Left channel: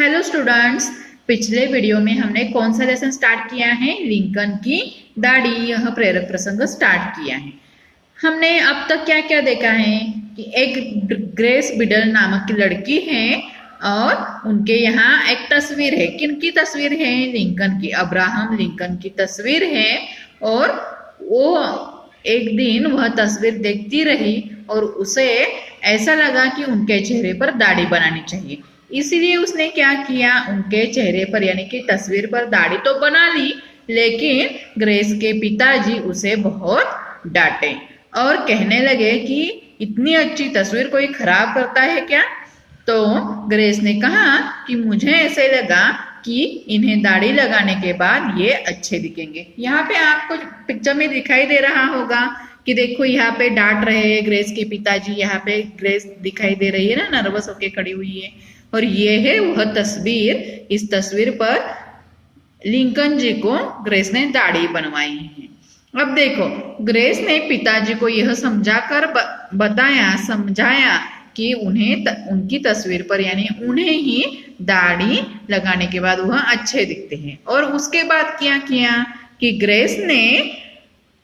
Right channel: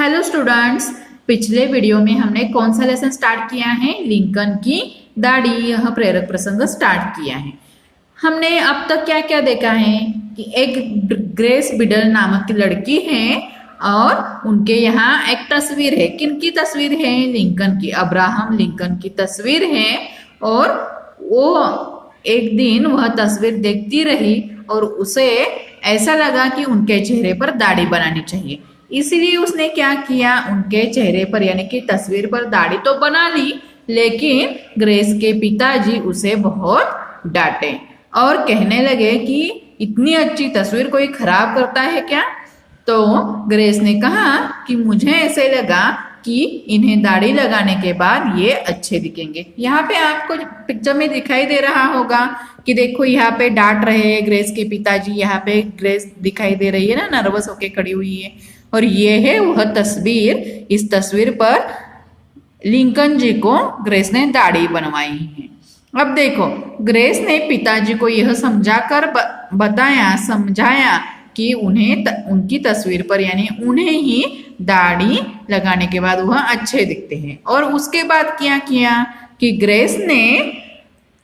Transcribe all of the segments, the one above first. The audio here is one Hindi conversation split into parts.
हेलो स्टूडेंट्स, पिछले वीडियो में हमने कौन सा लेसन स्टार्ट किया है? लिंकन की दाढ़ी, यह प्रेरक प्रसंग स्टार्ट किया है। हमने अब तक क्या क्या देखा है कि एक ग्रेस बिडल नामक की लड़की है और उनके यहाँ एक तस्वीर है। किनकी तस्वीर है? लिंकन की, अब्राहम लिंकन की तस्वीर है। और वो एक दिन वह तस्वीर देखती रही और उसे ऐसा लगा कि उनके चेहरे पर दाढ़ी बनानी चाहिए। इसीलिए उसने क्या किया, उनके चेहरे पर यानी कि तस्वीर पर दाढ़ी तो बना ली, लेकिन ग्रेस के पिताजी उसे बहुत डांटे और कहने लगे कि इतनी अच्छी तस्वीर कोई खराब करता है क्या? तो ग्रेस ने कहा कि मुझे ऐसे लगा कि इन्हें दाढ़ी लगाने के बाद ये अच्छे दिखेंगे। यहाँ पे आपको पिक्चर में दिखाई दे रहा होगा कि देखो यहाँ पे डांट रहे हैं ग्रेस के पिताजी। यहाँ पे ग्रेस दिखाई दे रही है ना, नर्वस होके खड़ी हुई है। और ये है वह तस्वीर। इस तस्वीर पर लिंकन जी को ग्रेस ने दाढ़ी बनवाई है। अब देखो, ग्रेस ने पिताजी को यह समझाकर समझाया कि उनकी तस्वीर पर यानी उन्हें ही दाढ़ी लगाने के बाद वह अच्छे दिखते हैं। और उसके बाद क्या किया कि ग्रेस ने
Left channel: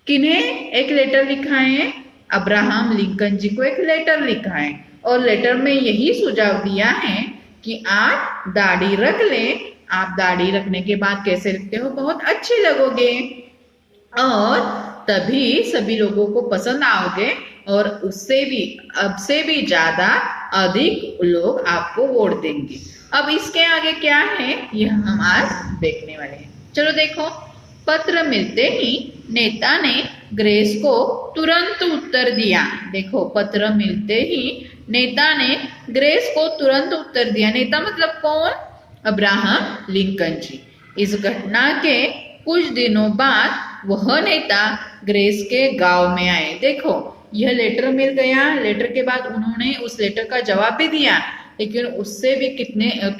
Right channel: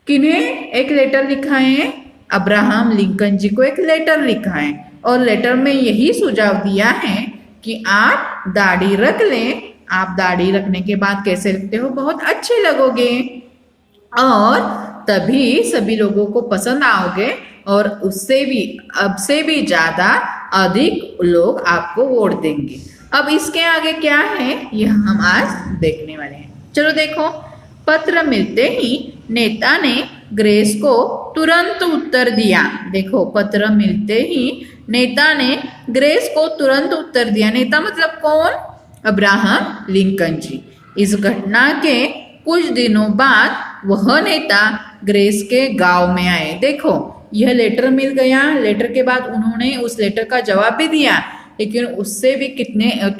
किन्हें एक लेटर लिखा है? अब्राहम लिंकन जी को एक लेटर लिखा है और लेटर में यही सुझाव दिया है कि आप दाढ़ी रख लें। आप दाढ़ी रखने के बाद कैसे लगते हो? बहुत अच्छे लगोगे और तभी सभी लोगों को पसंद आओगे और उससे भी अब से भी ज्यादा अधिक लोग आपको वोट देंगे। अब इसके आगे क्या है यह हम आज देखने वाले हैं। चलो देखो, पत्र मिलते ही नेता ने ग्रेस को तुरंत उत्तर दिया। देखो, पत्र मिलते ही नेता ने ग्रेस को तुरंत उत्तर दिया। नेता मतलब कौन? अब्राहम लिंकन जी। इस घटना के कुछ दिनों बाद वह नेता ग्रेस के गांव में आए। देखो, यह लेटर मिल गया। लेटर के बाद उन्होंने उस लेटर का जवाब भी दिया, लेकिन उससे भी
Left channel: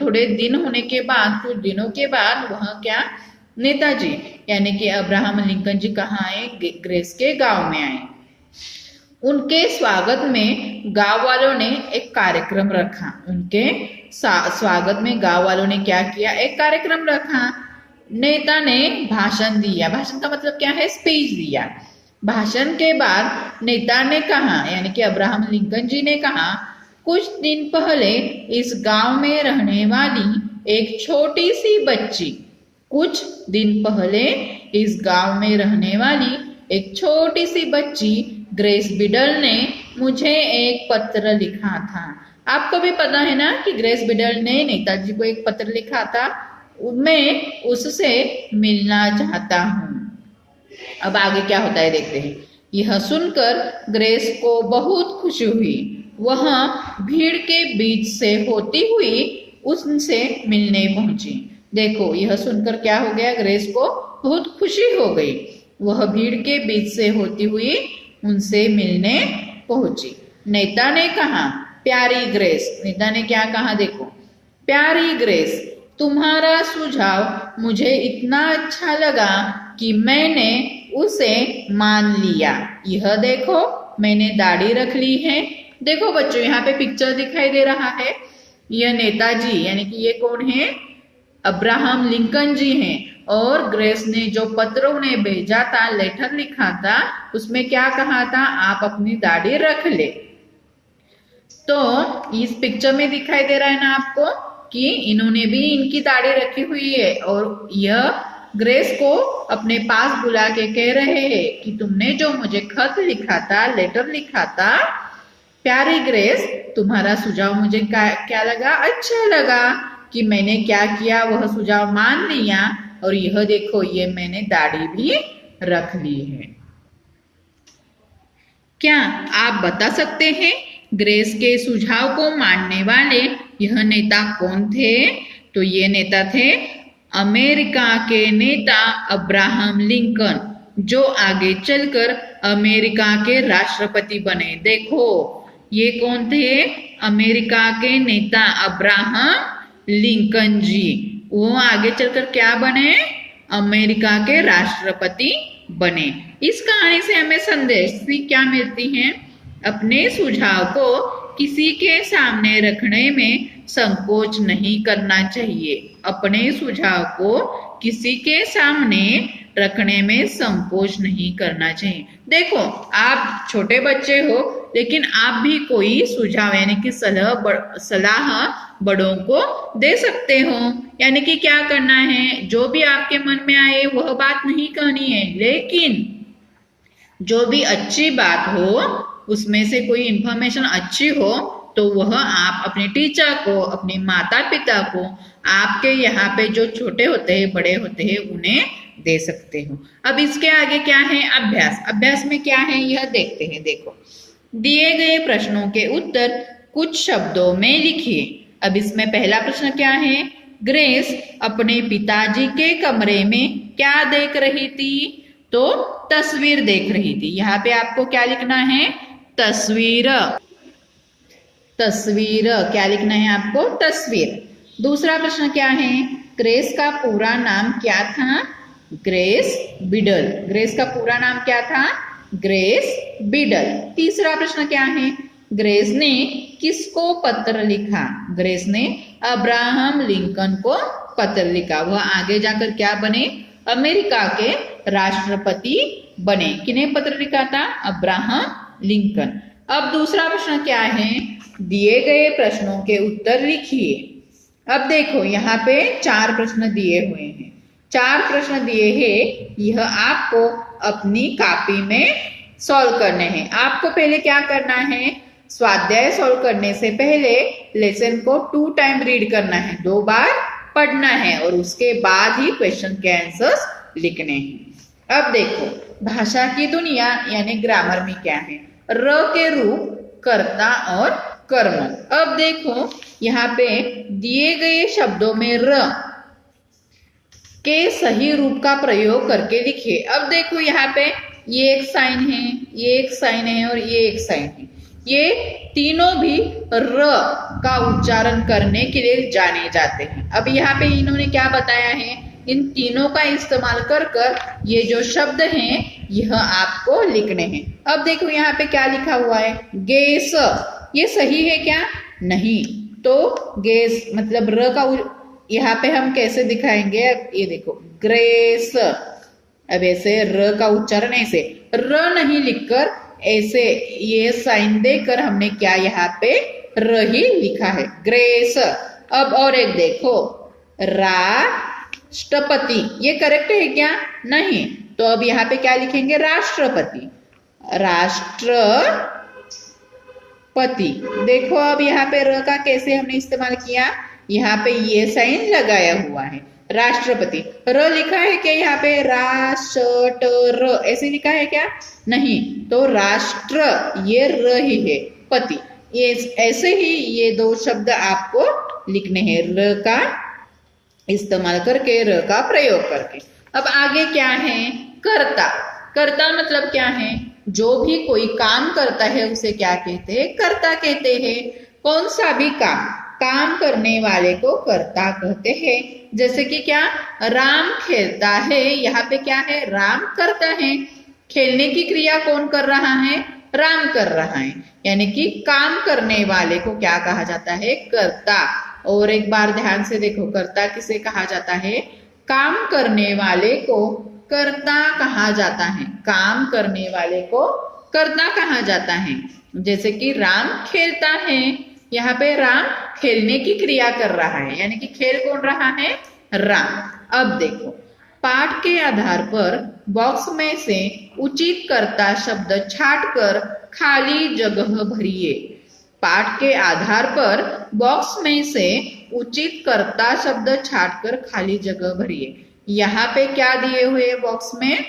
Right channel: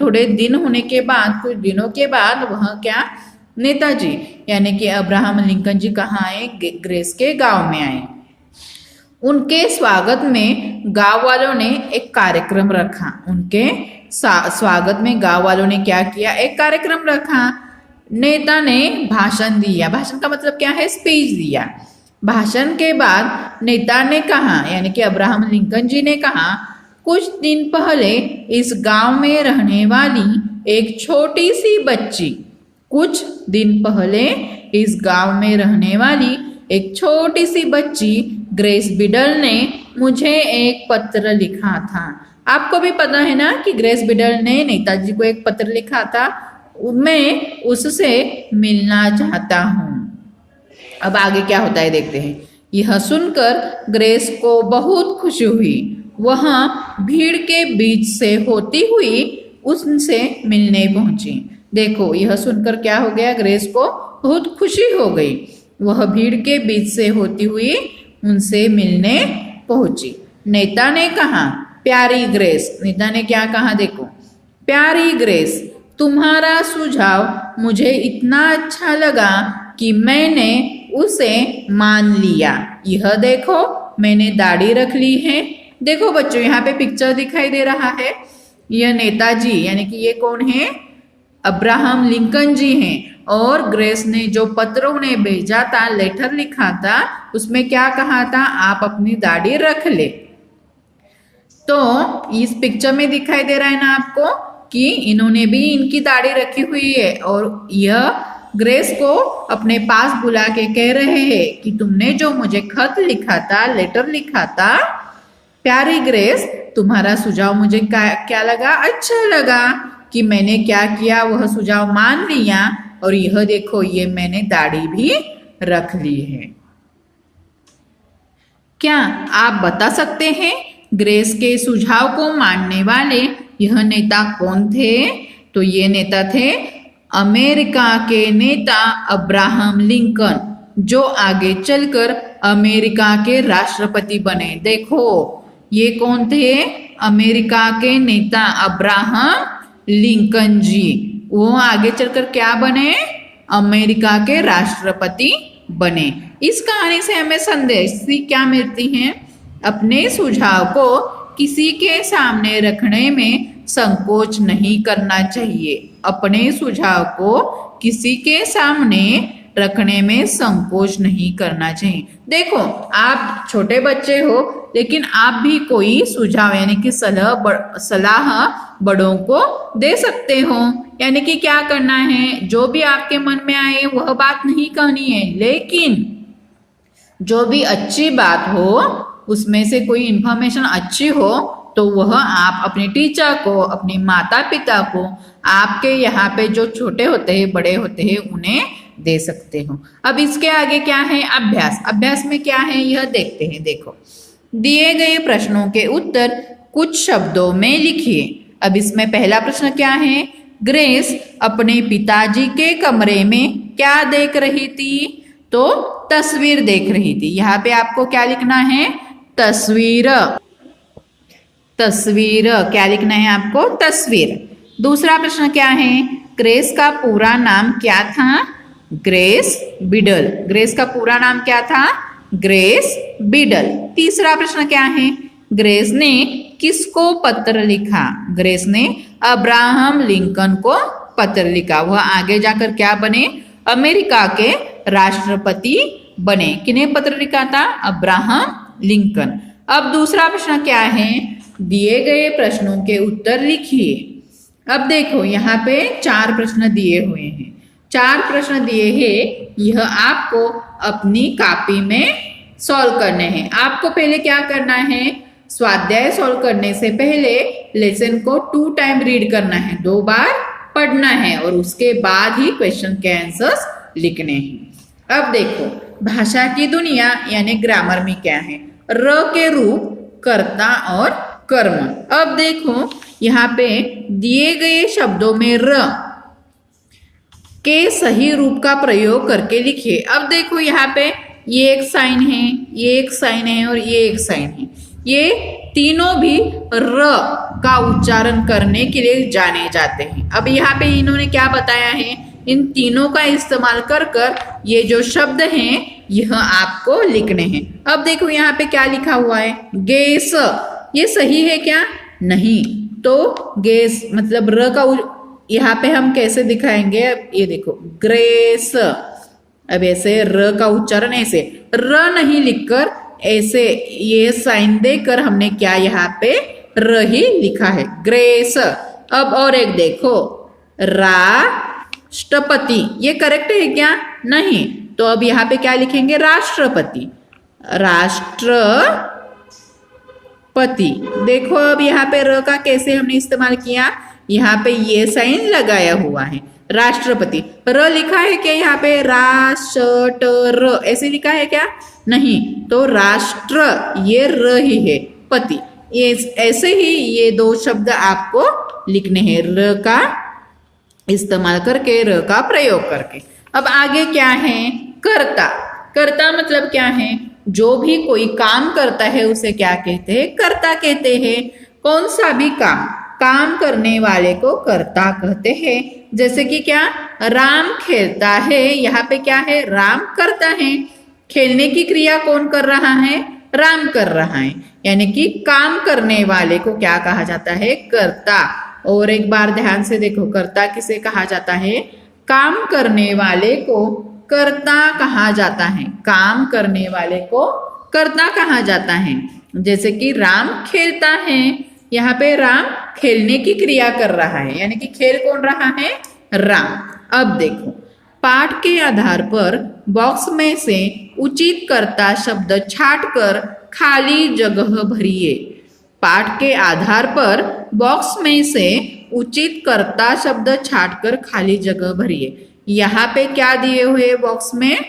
थोड़े दिन होने के बाद, कुछ दिनों के बाद वह क्या, नेताजी यानी कि अब्राहम लिंकन जी कहाँ आए? ग्रेस के गांव में आए। उनके स्वागत में गांव वालों ने एक कार्यक्रम रखा। उनके स्वागत में गांव वालों ने क्या किया? एक कार्यक्रम रखा। नेता ने भाषण दिया। भाषण का मतलब क्या है? स्पीच दिया। भाषण के बाद नेता ने कहा, यानी कि अब्राहम लिंकन जी ने कहा, कुछ दिन पहले इस गांव में रहने वाली एक छोटी सी बच्ची, कुछ दिन पहले इस गांव में रहने वाली एक छोटी सी बच्ची ग्रेस बिडल ने मुझे एक पत्र लिखा था। आपको भी पता है ना कि ग्रेस बिडल ने नेताजी को एक पत्र लिखा था। मैं उससे मिलना चाहता हूँ। अब आगे क्या होता है देखते हैं। यह सुनकर ग्रेस को बहुत खुशी हुई। वह भीड़ के बीच से होती हुई उनसे मिलने पहुंची। देखो, यह सुनकर क्या हो गया? ग्रेस को बहुत खुशी हो गई। वह भीड़ के बीच से होती हुई उनसे मिलने पहुंची। नेता ने कहा, प्यारी ग्रेस। नेता ने क्या कहा? देखो, प्यारी ग्रेस, तुम्हारा सुझाव मुझे इतना अच्छा लगा कि मैंने उसे मान लिया। यह देखो, मैंने दाढ़ी रख ली है। देखो बच्चों, यहाँ पे पिक्चर दिखाई दे रहा है। यह नेताजी यानी कि ये कौन है? अब्राहम लिंकन जी हैं। और ग्रेस ने जो पत्र उन्हें भेजा था, लेटर लिखा था, उसमें क्या कहा था? आप अपनी दाढ़ी रख ले। तो इस पिक्चर में दिखाई दे रहा है ना आपको कि इन्होंने भी इनकी दाढ़ी रखी हुई है और यह ग्रेस को अपने पास बुला के कह रहे हैं कि तुमने जो मुझे खत लिखा था, लेटर लिखा था, प्यारी ग्रेस, तुम्हारा सुझाव मुझे क्या लगा? अच्छा लगा कि मैंने क्या किया, वह सुझाव मान लिया। और यह देखो, ये मैंने दाढ़ी भी रख ली है। क्या आप बता सकते हैं ग्रेस के सुझाव को मानने वाले यह नेता कौन थे? तो ये नेता थे अमेरिका के नेता अब्राहम लिंकन, जो आगे चलकर अमेरिका के राष्ट्रपति बने। देखो, ये कौन थे? अमेरिका के नेता अब्राहम लिंकन जी। वो आगे चलकर क्या बने? अमेरिका के राष्ट्रपति बने। इस कहानी से हमें संदेश क्या मिलती है? अपने सुझाव को किसी के सामने रखने में संकोच नहीं करना चाहिए। अपने सुझाव को किसी के सामने रखने में संकोच नहीं करना चाहिए। देखो, आप छोटे बच्चे हो, लेकिन आप भी कोई सुझाव यानी कि सलाह बड़ों को दे सकते हो। यानी कि क्या करना है, जो भी आपके मन में आए वह बात नहीं कहनी है, लेकिन जो भी अच्छी बात हो, उसमें से कोई इंफॉर्मेशन अच्छी हो, तो वह आप अपने टीचर को, अपने माता पिता को, आपके यहाँ पे जो छोटे होते हैं, बड़े होते हैं, उन्हें दे सकते हो। अब इसके आगे क्या है, अभ्यास। अभ्यास में क्या है यह देखते हैं। देखो, दिए गए प्रश्नों के उत्तर कुछ शब्दों में लिखिए। अब इसमें पहला प्रश्न क्या है, ग्रेस अपने पिताजी के कमरे में क्या देख रही थी? तो तस्वीर देख रही थी। यहाँ पे आपको क्या लिखना है, तस्वीर। तस्वीर क्या लिखना है आपको, तस्वीर। दूसरा प्रश्न क्या है, ग्रेस का पूरा नाम क्या था? ग्रेस बिडल। ग्रेस का पूरा नाम क्या था? ग्रेस बिडल। तीसरा प्रश्न क्या है, ग्रेस ने किसको पत्र लिखा? ग्रेस ने अब्राहम लिंकन को पत्र लिखा। वह आगे जाकर क्या बने, अमेरिका के राष्ट्रपति बने। किन्हें पत्र लिखा था? Abraham Lincoln. अब दूसरा प्रश्न क्या है, दिए गए प्रश्नों के उत्तर लिखिए। अब देखो, यहाँ पे 4 प्रश्न दिए हुए हैं। 4 प्रश्न दिए हैं, यह आपको अपनी कॉपी में सॉल्व करने हैं। आपको पहले क्या करना है, स्वाध्याय सॉल्व करने से पहले लेसन को 2 टाइम रीड करना है, 2 बार पढ़ना है, और उसके बाद ही क्वेश्चन के आंसर्स लिखने हैं। अब देखो, भाषा की दुनिया यानी ग्रामर में क्या है, र के रूप, कर्ता और कर्म। अब देखो, यहाँ पे दिए गए शब्दों में र के सही रूप का प्रयोग करके लिखिए। अब देखो, यहाँ पे ये एक साइन है, ये एक साइन है और ये एक साइन है। ये तीनों भी र का उच्चारण करने के लिए जाने जाते हैं। अब यहाँ पे इन्होंने क्या बताया है, इन तीनों का इस्तेमाल कर कर ये जो शब्द हैं यह आपको लिखने हैं। अब देखो, यहाँ पे क्या लिखा हुआ है, गैस। ये सही है क्या? नहीं। तो गैस मतलब र का यहाँ पे हम कैसे दिखाएंगे, ये देखो, ग्रेस। अब ऐसे र का उच्चारण ऐसे, र नहीं लिखकर ऐसे ये साइन देकर हमने क्या यहाँ पे र ही लिखा है, ग्रेस। अब और एक देखो, राष्ट्रपति। ये करेक्ट है क्या? नहीं। तो अब यहाँ पे क्या लिखेंगे, राष्ट्रपति। राष्ट्रपति। देखो, अब यहाँ पे र का कैसे हमने इस्तेमाल किया, यहाँ पे ये साइन लगाया हुआ है, राष्ट्रपति। र लिखा है क्या यहाँ पे, राष्ट्र ऐसे लिखा है क्या? नहीं। तो राष्ट्र ये र ही है, पति। ये ऐसे ही ये 2 शब्द आपको लिखने हैं, र का इस्तेमाल करके, र का प्रयोग करके। अब आगे क्या है, कर्ता। कर्ता मतलब क्या है, जो भी कोई काम करता है उसे क्या कहते हैं, कर्ता कहते हैं। कौन सा भी काम करने वाले को कर्ता कहते हैं। जैसे कि क्या, राम खेलता है, यहाँ पे क्या है, राम करता है। खेलने की क्रिया कौन कर रहा है, राम कर रहा है। यानी कि काम करने वाले को क्या कहा जाता है, कर्ता। और एक बार ध्यान से देखो, कर्ता किसे कहा जाता है, काम करने वाले को कर्ता कहा जाता है। काम करने वाले को कर्ता कहा जाता है। जैसे कि राम खेलता है, यहाँ पे राम खेलने की क्रिया कर रहा है, यानी कि खेल कौन रहा है, राम। अब देखो, पाठ के आधार पर बॉक्स में से उचित कर्ता शब्द छांटकर खाली जगह भरिए। पाठ के आधार पर बॉक्स में से उचित कर्ता शब्द छांटकर खाली जगह भरिए। यहाँ पे क्या दिए हुए बॉक्स में,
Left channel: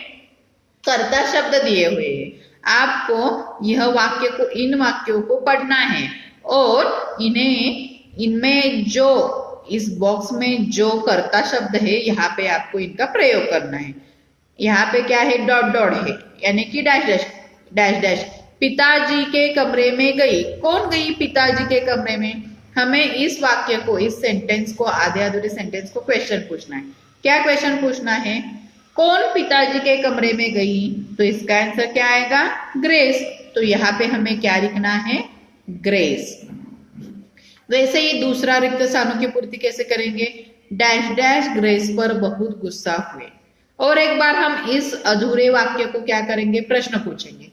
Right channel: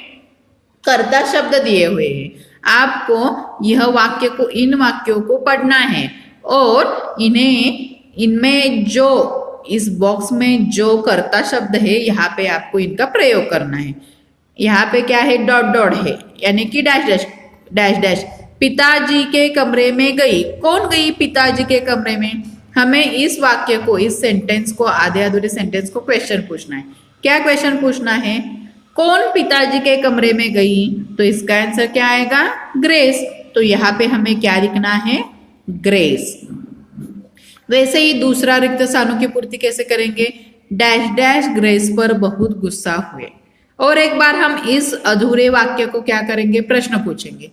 कर्ता शब्द दिए हुए हैं। आपको यह वाक्य को, इन वाक्यों को पढ़ना है और इनमें जो इस बॉक्स में जो कर्ता शब्द है, यहाँ पे आपको इनका प्रयोग करना है। यहाँ पे क्या है, डॉट डॉट है, यानी कि डैश डैश डैश डैश। पिताजी के कमरे में गई। कौन गई पिताजी के कमरे में? हमें इस वाक्य को, इस सेंटेंस को, आधे अधूरे सेंटेंस को क्वेश्चन पूछना है। क्या क्वेश्चन पूछना है, कौन पिताजी के कमरे में गई? तो इसका आंसर क्या आएगा, ग्रेस। तो यहाँ पे हमें क्या लिखना है, ग्रेस। वैसे ही दूसरा रिक्त स्थानों की पूर्ति कैसे करेंगे? डैश डैश ग्रेस पर बहुत गुस्सा हुए। और एक बार हम इस अधूरे वाक्य को क्या करेंगे? प्रश्न पूछेंगे,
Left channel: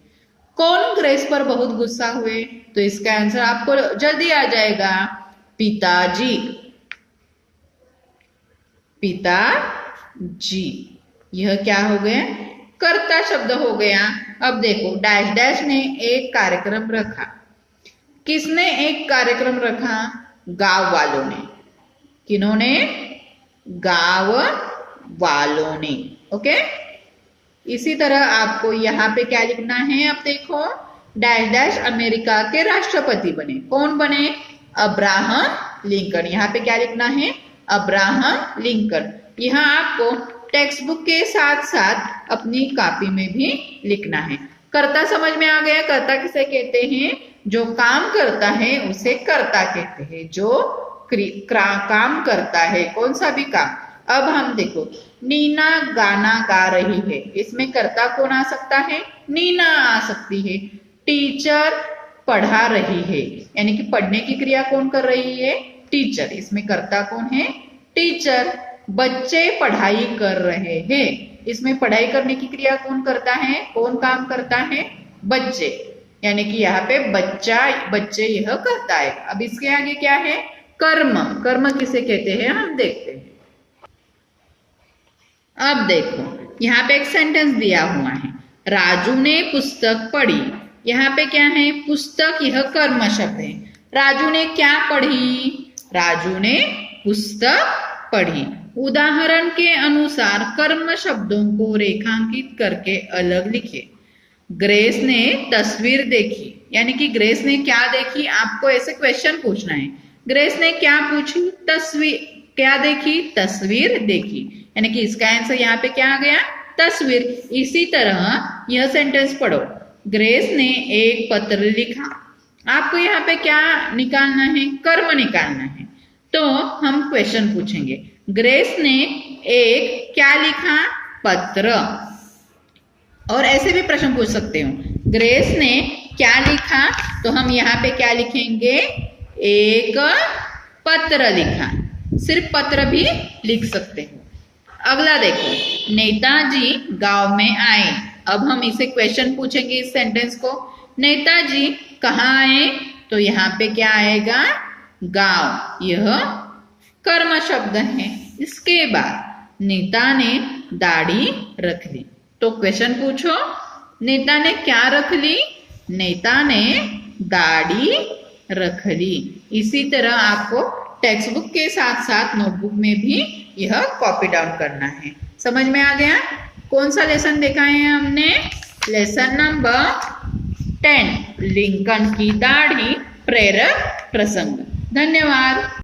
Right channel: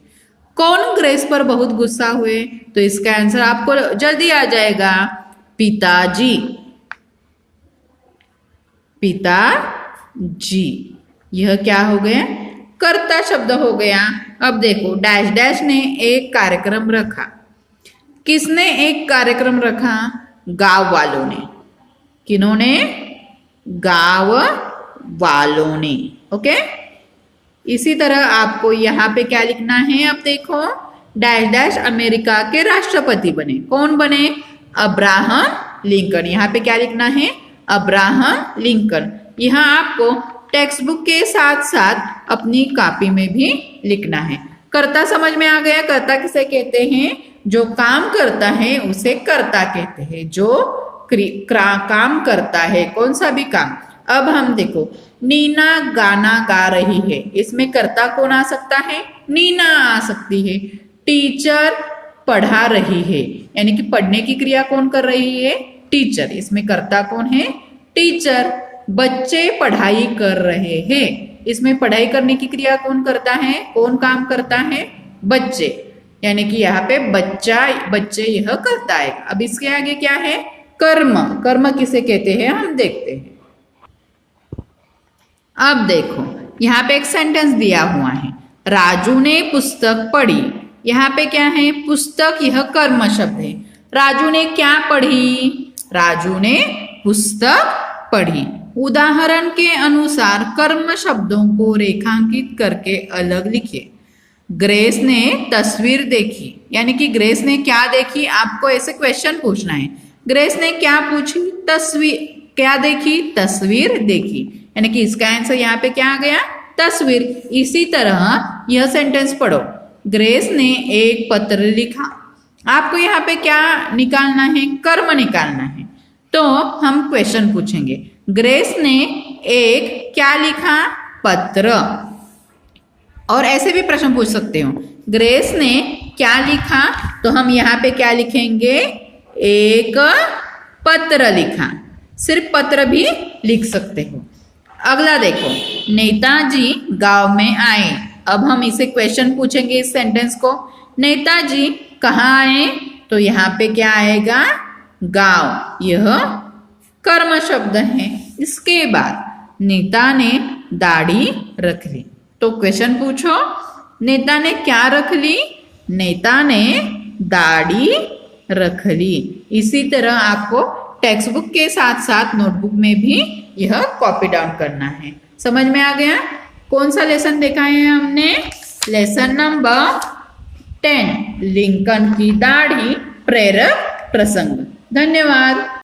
कौन ग्रेस पर बहुत गुस्सा हुए? तो इसका आंसर आपको जल्दी आ जाएगा, पिताजी। पिताजी। यह क्या हो गया? कर्ता शब्द हो गया। अब देखो, डैश डैश ने एक कार्यक्रम रखा। किसने एक कार्यक्रम रखा? गांव वालों ने। किन्होंने? गांव वालों ने। ओके, इसी तरह आपको यहाँ पे क्या लिखना है? अब देखो, डैश डैश अमेरिका के राष्ट्रपति बने। कौन बने? Abraham Lincoln. यहाँ पे क्या लिखना है? Abraham Lincoln. यहाँ आपको टेक्स्ट बुक के साथ साथ अपनी कॉपी में भी लिखना है। कर्ता समझ में आ गया? कर्ता किसे कहते हैं? जो काम करता है उसे कर्ता कहते हैं। जो काम करता है, कौन सा भी काम। अब हम देखो, नीना गाना गा रही है। इसमें कर्ता कौन आ सकता है? नीना आ सकती है। टीचर पढ़ा रही है, यानी कि पढ़ने की क्रिया कौन कर रही है? टीचर। इसमें कर्ता कौन है? टीचर। बच्चे पढ़ाई कर रहे हैं। इसमें पढ़ाई करने की क्रिया कौन करता है? कौन काम करता है? बच्चे। यानी कि यहाँ पे बच्चे यह करता है। अब इसके आगे क्या है? कर्म। कर्म किसे कहते हैं? हम देखते हैं। अब देखो, यहाँ पे एक सेंटेंस दिया हुआ है, राजू ने पुस्तक पढ़ी। यहाँ पे क्या है? पुस्तक। यह कर्म शब्द है। राजू ने क्या पढ़ी? राजू ने पुस्तक पढ़ी। उदाहरण के अनुसार कर्म शब्दों को रेखांकित करके अलग लिखिए। ग्रेस ने तस्वीर देखी, यानी कि ग्रेस ने क्या देखी? आपको ऐसे क्वेश्चन पूछना है। ग्रेस ने क्या पूछी? तस्वीर। क्या देखी? तस्वीर देखी। यानी कि इसका आंसर यहाँ पे क्या आ गया? तस्वीर। इसी तरह यह सेंटेंस पढ़ो, ग्रेस ने एक पत्र लिखा। आपको यहाँ पे क्या निकालना है? कर्म निकालना है। तो हम क्वेश्चन पूछेंगे, ग्रेस ने एक क्या लिखा? पत्र। और ऐसे भी प्रश्न पूछ सकते हो, ग्रेस ने क्या लिखा? तो हम यहाँ पे क्या लिखेंगे? एक पत्र लिखा। सिर्फ पत्र भी लिख सकते हो। अगला देखो, नेताजी गांव में आए। अब हम इसे क्वेश्चन पूछेंगे इस सेंटेंस को, नेताजी कहाँ आए? तो यहाँ पे क्या आएगा? गांव। यह कर्म शब्द है। इसके बाद नेता ने दाढ़ी रख ली। तो क्वेश्चन पूछो, नेता ने क्या रख ली? नेता ने दाढ़ी रख ली। इसी तरह आपको टेक्स्ट बुक के साथ साथ नोटबुक में भी यह कॉपी डाउन करना है। समझ में आ गया? कौन सा लेसन देखा है हमने? लेसन नंबर 10, लिंकन की दाढ़ी प्रेरक प्रसंग। धन्यवाद।